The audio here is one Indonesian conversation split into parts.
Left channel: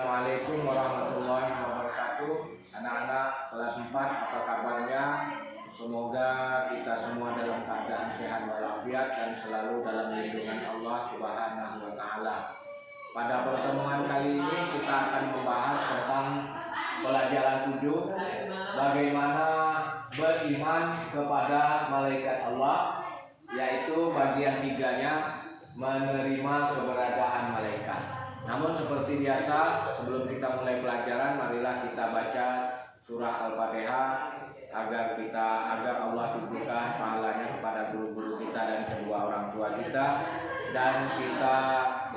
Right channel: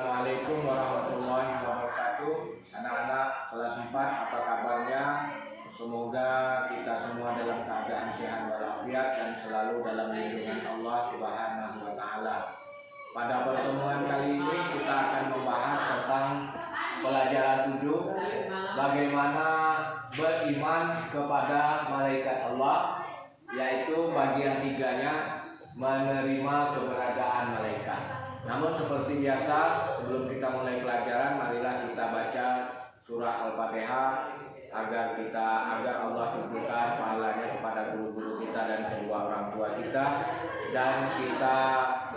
Assalamualaikum warahmatullahi wabarakatuh. Anak-anak kelas 4, apa kabarnya? Semoga kita semua dalam keadaan sehat walafiat dan selalu dalam lindungan Allah Subhanahu wa taala. Pada pertemuan kali ini kita akan membahas tentang pelajaran 7, bagaimana beriman kepada malaikat Allah, yaitu bagian 3-nya menerima keberadaan malaikat. Namun seperti biasa, sebelum kita mulai pelajaran, marilah kita baca surah Al-Fatihah agar Allah tunjukkan pahalanya kepada guru-guru kita dan kedua orang tua kita, dan kita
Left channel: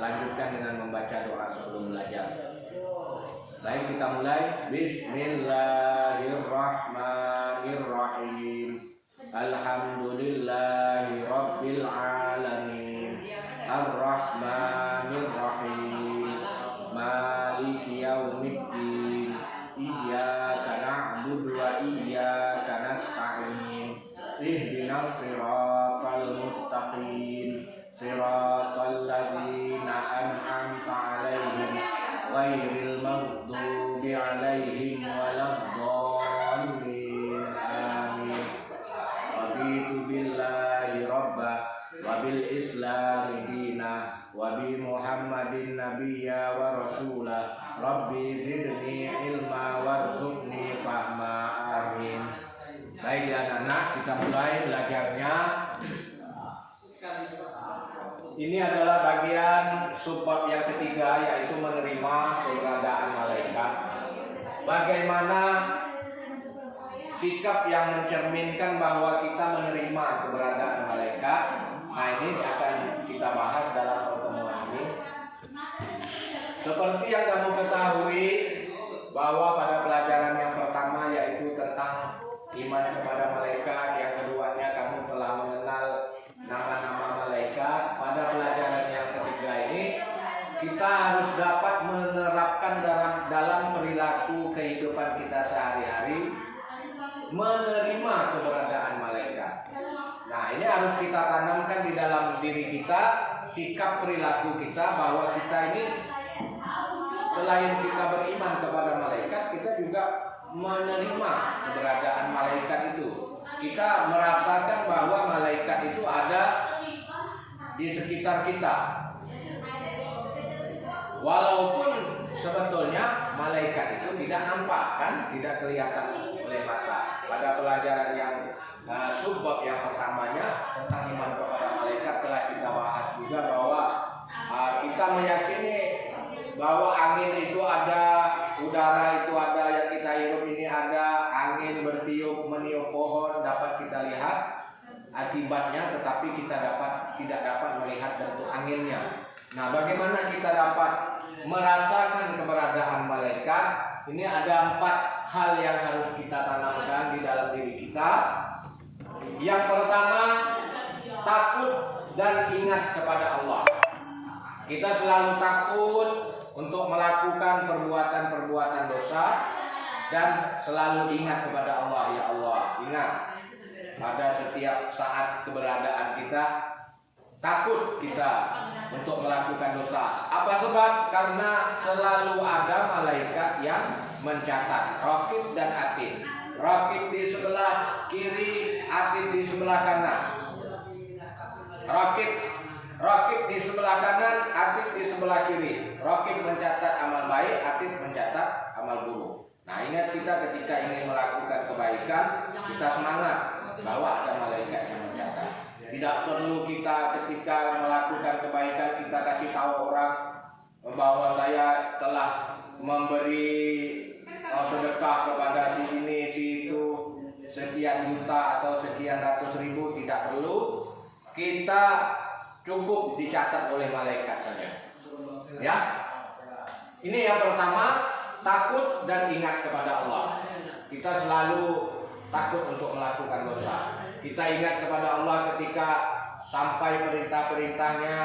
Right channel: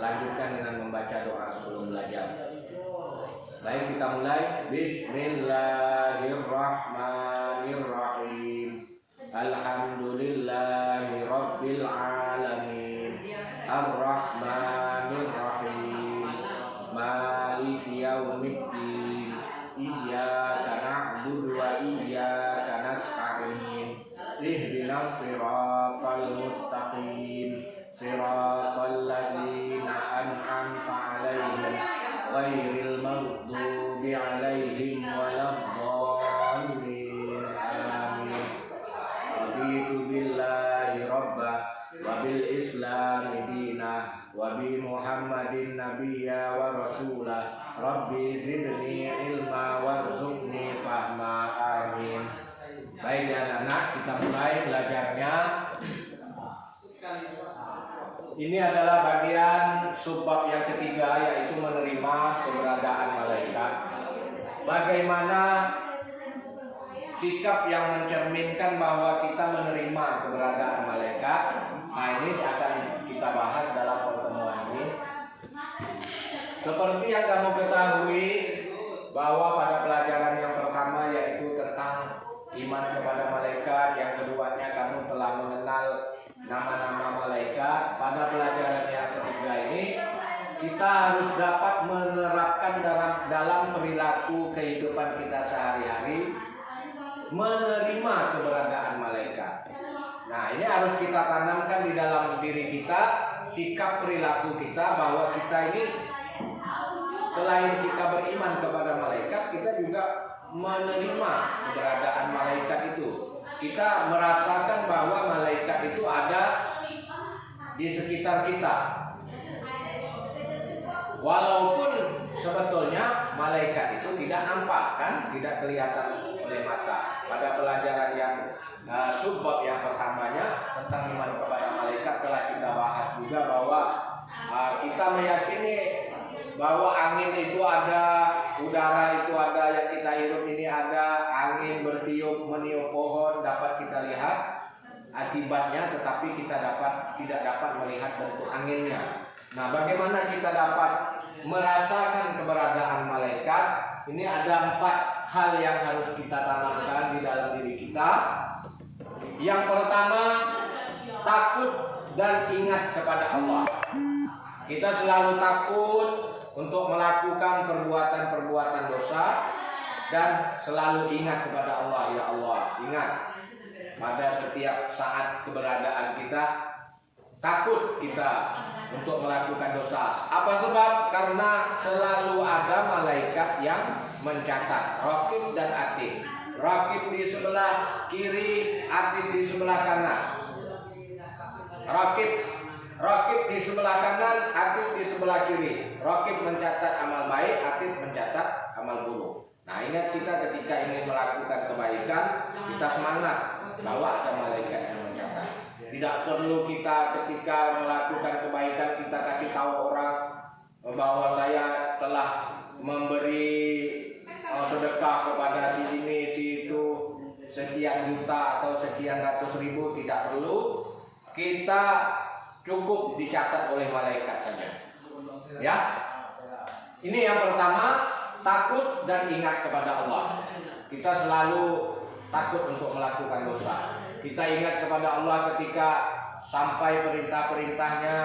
lanjutkan dengan membaca doa sebelum belajar. Baik, kita mulai. Bismillahirrahmanirrahim. Alhamdulillahi rabbil alamin. Ar-Rahmanir-Rahim. Maliki yaumiddin. Iyyaka na'budu wa iyyaka nasta'in. Ihdinas siratal mustaqim. Siratal ladzina an'amta 'alaihim ghairil maghdubi 'alaihim waladdallin. Amin. Raditu billahi rabba wa bil islami dina wa bi muhammadin nabiyya wa rasulah. Rabbi zidni ilma warzuqni fahma. Amin. Baik anak-anak, kita mulai belajarnya. Ini adalah bagian subbab yang ketiga, yaitu menerima keberadaan malaikat. Bagaimana sikap yang mencerminkan bahwa kita menerima keberadaan malaikat. Nah, ini akan kita bahas dalam pertemuan ini. Seperti yang kamu ketahui, bahwa pada pelajaran yang pertama yaitu tentang iman kepada malaikat, yang keduanya kamu telah mengenal nama-nama malaikat. Pada pelajaran yang ketiga ini, kita harus dapat menerapkan dalam perilaku kehidupan kita sehari-hari menerima keberadaan malaikat. Nah, ini harus kita tanamkan di dalam diri kita, sikap perilaku kita, bahwa kita ini selain kita beriman kepada malaikat, kita juga menerima keberadaan malaikat itu. Kita merasakan bahwa malaikat itu ada di sekitar kita. Walaupun sebetulnya malaikat itu tidak nampak, kan, tidak kelihatan oleh mata. Pada pelajaran yang subbab yang pertamanya tentang iman kepada malaikat telah kita bahas juga bahwa kita meyakini bahwa angin itu ada, udara itu ada, yang kita hirup ini ada, angin bertiup meniup pohon dapat kita lihat akibatnya, tetapi kita tidak dapat melihat bentuk anginnya. Nah, bagaimana kita dapat merasakan keberadaan malaikat? Ini ada 4 hal yang harus kita tanamkan di dalam diri kita. Yang pertama, takut dan ingat kepada Allah. Kita selalu takut untuk melakukan perbuatan-perbuatan dosa dan selalu ingat kepada Allah. Ya Allah, ingat pada setiap saat keberadaan kita, takut kita untuk melakukan dosa. Apa sebab? Karena selalu ada malaikat yang mencatat, raqib dan atid. Raqib di sebelah kiri, atid di sebelah kanan. Raqib di sebelah kanan, atid di sebelah kiri. Raqib mencatat amal baik, atid mencatat amal buruk. Nah, ingat kita ketika ingin melakukan kebaikan, kita semangat bahwa ada malaikat yang mencatat. Tidak perlu kita ketika melakukan kebaikan kita kasih tahu orang bahwa saya telah memberi sedekah kepada si ini, si itu, sekian juta atau sekian ratus ribu. Tidak perlu. Kita cukup dicatat oleh malaikat saja. Ya. Ini yang pertama, takut dan ingat kepada Allah. Kita selalu takut untuk melakukan dosa. Kita ingat kepada Allah ketika sampai perintah-perintahnya,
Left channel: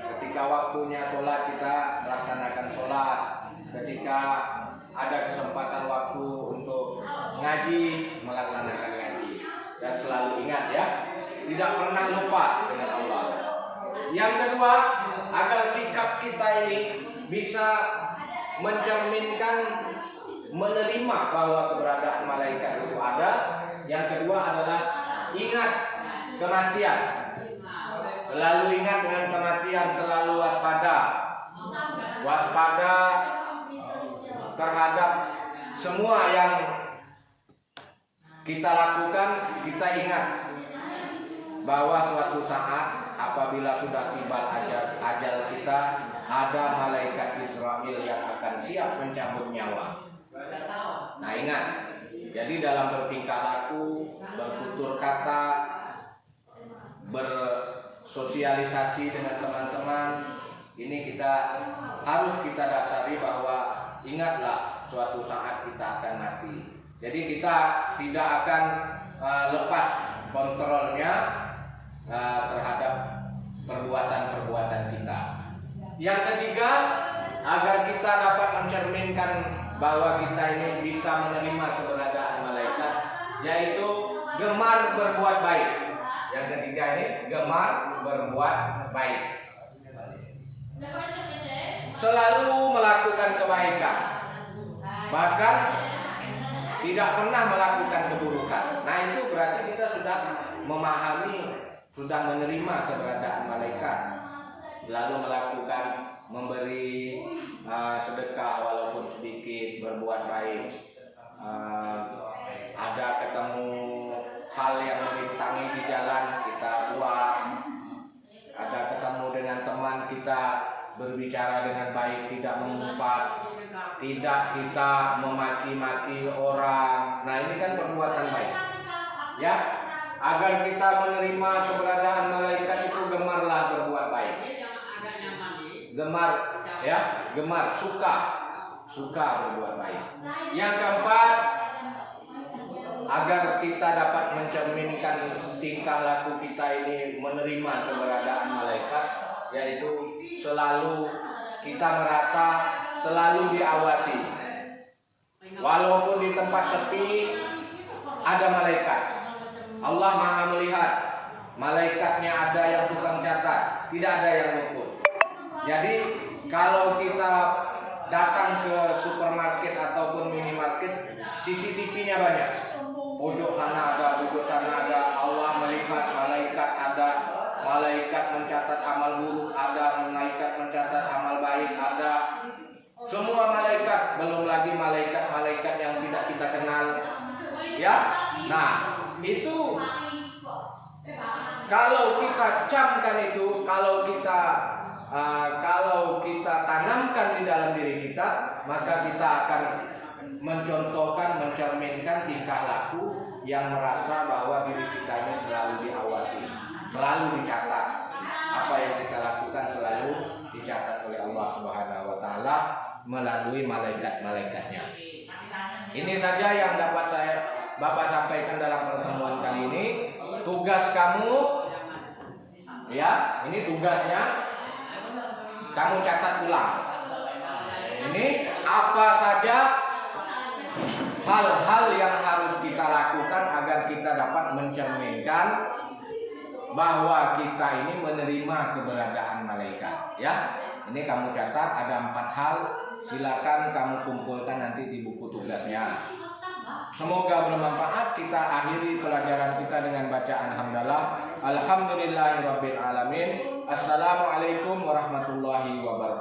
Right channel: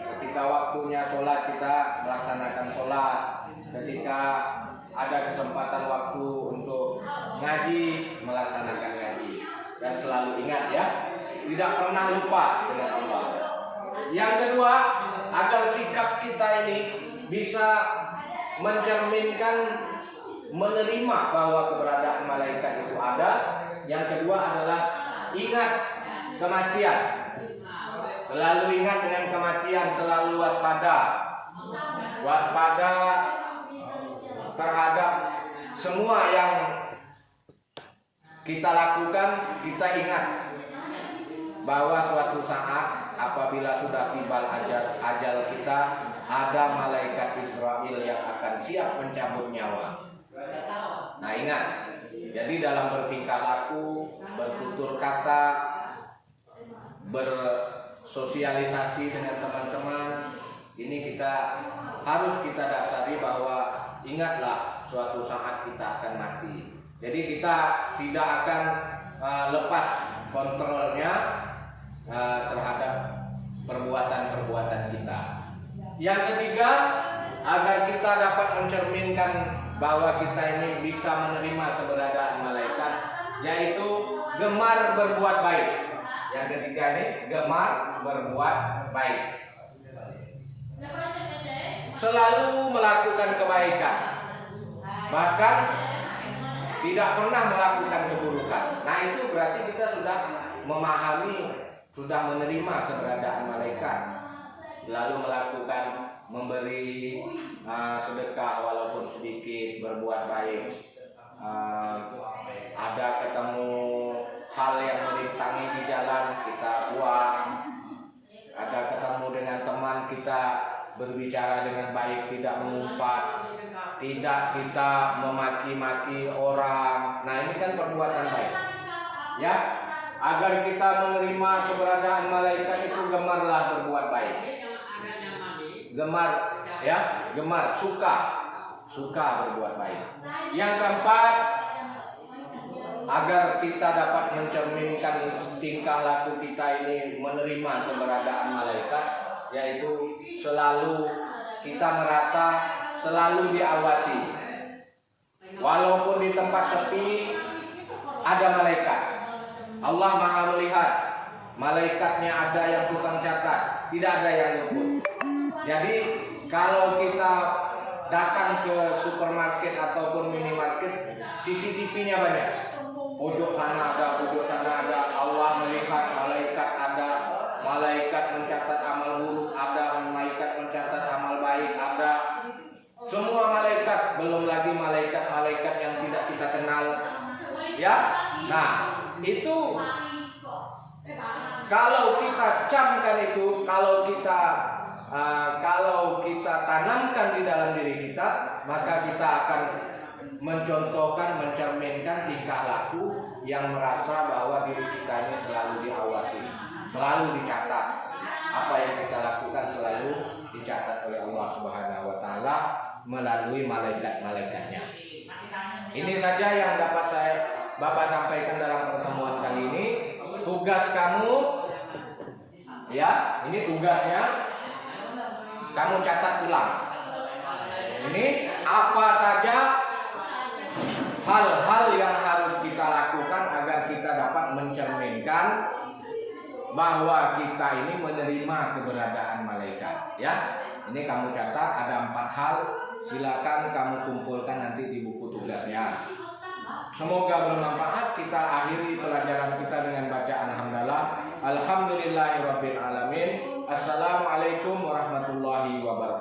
ketika waktunya sholat kita melaksanakan sholat, ketika ada kesempatan waktu untuk ngaji, melaksanakan ngaji, dan selalu ingat, ya, tidak pernah lupa dengan Allah. Yang kedua, agar sikap kita ini bisa mencerminkan, menerima bahwa keberadaan malaikat itu ada. Yang kedua adalah ingat kematian. Selalu ingat dengan kematian, selalu waspada. Waspada terhadap semua yang kita lakukan. Kita ingat bahwa suatu saat apabila sudah tiba ajal kita, ada malaikat Israel yang akan siap mencabut nyawa. Nah, ingat. Jadi dalam bertingkah laku, bertutur kata, bersosialisasi dengan teman-teman, ini harus kita dasari bahwa ingatlah suatu saat kita akan mati. Jadi kita tidak akan lepas kontrolnya terhadap perbuatan-perbuatan kita. Yang ketiga, agar kita dapat mencerminkan bahwa kita ini bisa menerima keberadaan malaikat, yaitu gemar berbuat baik. Yang ketiga ini gemar berbuat baik. Selalu melakukan kebaikan, bahkan tidak pernah melakukan keburukan. Nah, itu berarti kita sudah memahami, sudah menerima keberadaan malaikat. Lalu melakukan, memberi sedekah walaupun sedikit, berbuat baik. Ada ketemu hal yang merintangi di jalan, kita buang. Ada ketemu dengan teman, kita berbicara dengan baik, tidak mengumpat, tidak kita memaki-maki orang. Nah, ini kan perbuatan baik. Ya, agar kita menerima keberadaan malaikat itu gemarlah berbuat baik. Gemar, suka berbuat baik. Yang keempat, agar kita dapat mencerminkan tingkah laku kita ini menerima keberadaan malaikat, yaitu selalu kita merasa selalu diawasi. Walaupun di tempat sepi ada malaikat. Allah Maha melihat. Malaikatnya ada yang tukang catat, tidak ada yang luput. Jadi kalau kita datang ke supermarket ataupun minimarket, CCTV-nya banyak. Pojok sana ada, pojok sana ada. Allah melihat, malaikat ada. Malaikat mencatat amal buruk ada, malaikat mencatat amal baik ada. Semua malaikat, belum lagi malaikat-malaikat yang tidak kita kenal. Ya. Nah, itu kalau kita camkan itu, kalau kita tanamkan di dalam diri kita, maka kita akan mencontohkan, mencerminkan tingkah laku yang merasa bahwa diri kita ini selalu diawasi, selalu dicatat. Apa yang kita lakukan selalu dicatat oleh Allah Subhanahu wa taala melalui malaikat-malaikatnya. Ini saja yang dapat Bapak sampaikan dalam pertemuan kali ini. Tugas kamu, ya, ini tugasnya, kamu catat ulang. Ini apa saja hal-hal yang harus kita lakukan agar kita dapat mencerminkan bahwa kita ini menerima keberadaan malaikat. Ya, ini kamu catat, ada 4 hal. Silakan kamu kumpulkan nanti di buku tugasnya. Semoga bermanfaat. Kita akhiri pelajaran kita dengan bacaan hamdalah. Alhamdulillahirabbil alamin. Assalamualaikum warahmatullahi wabarakatuh.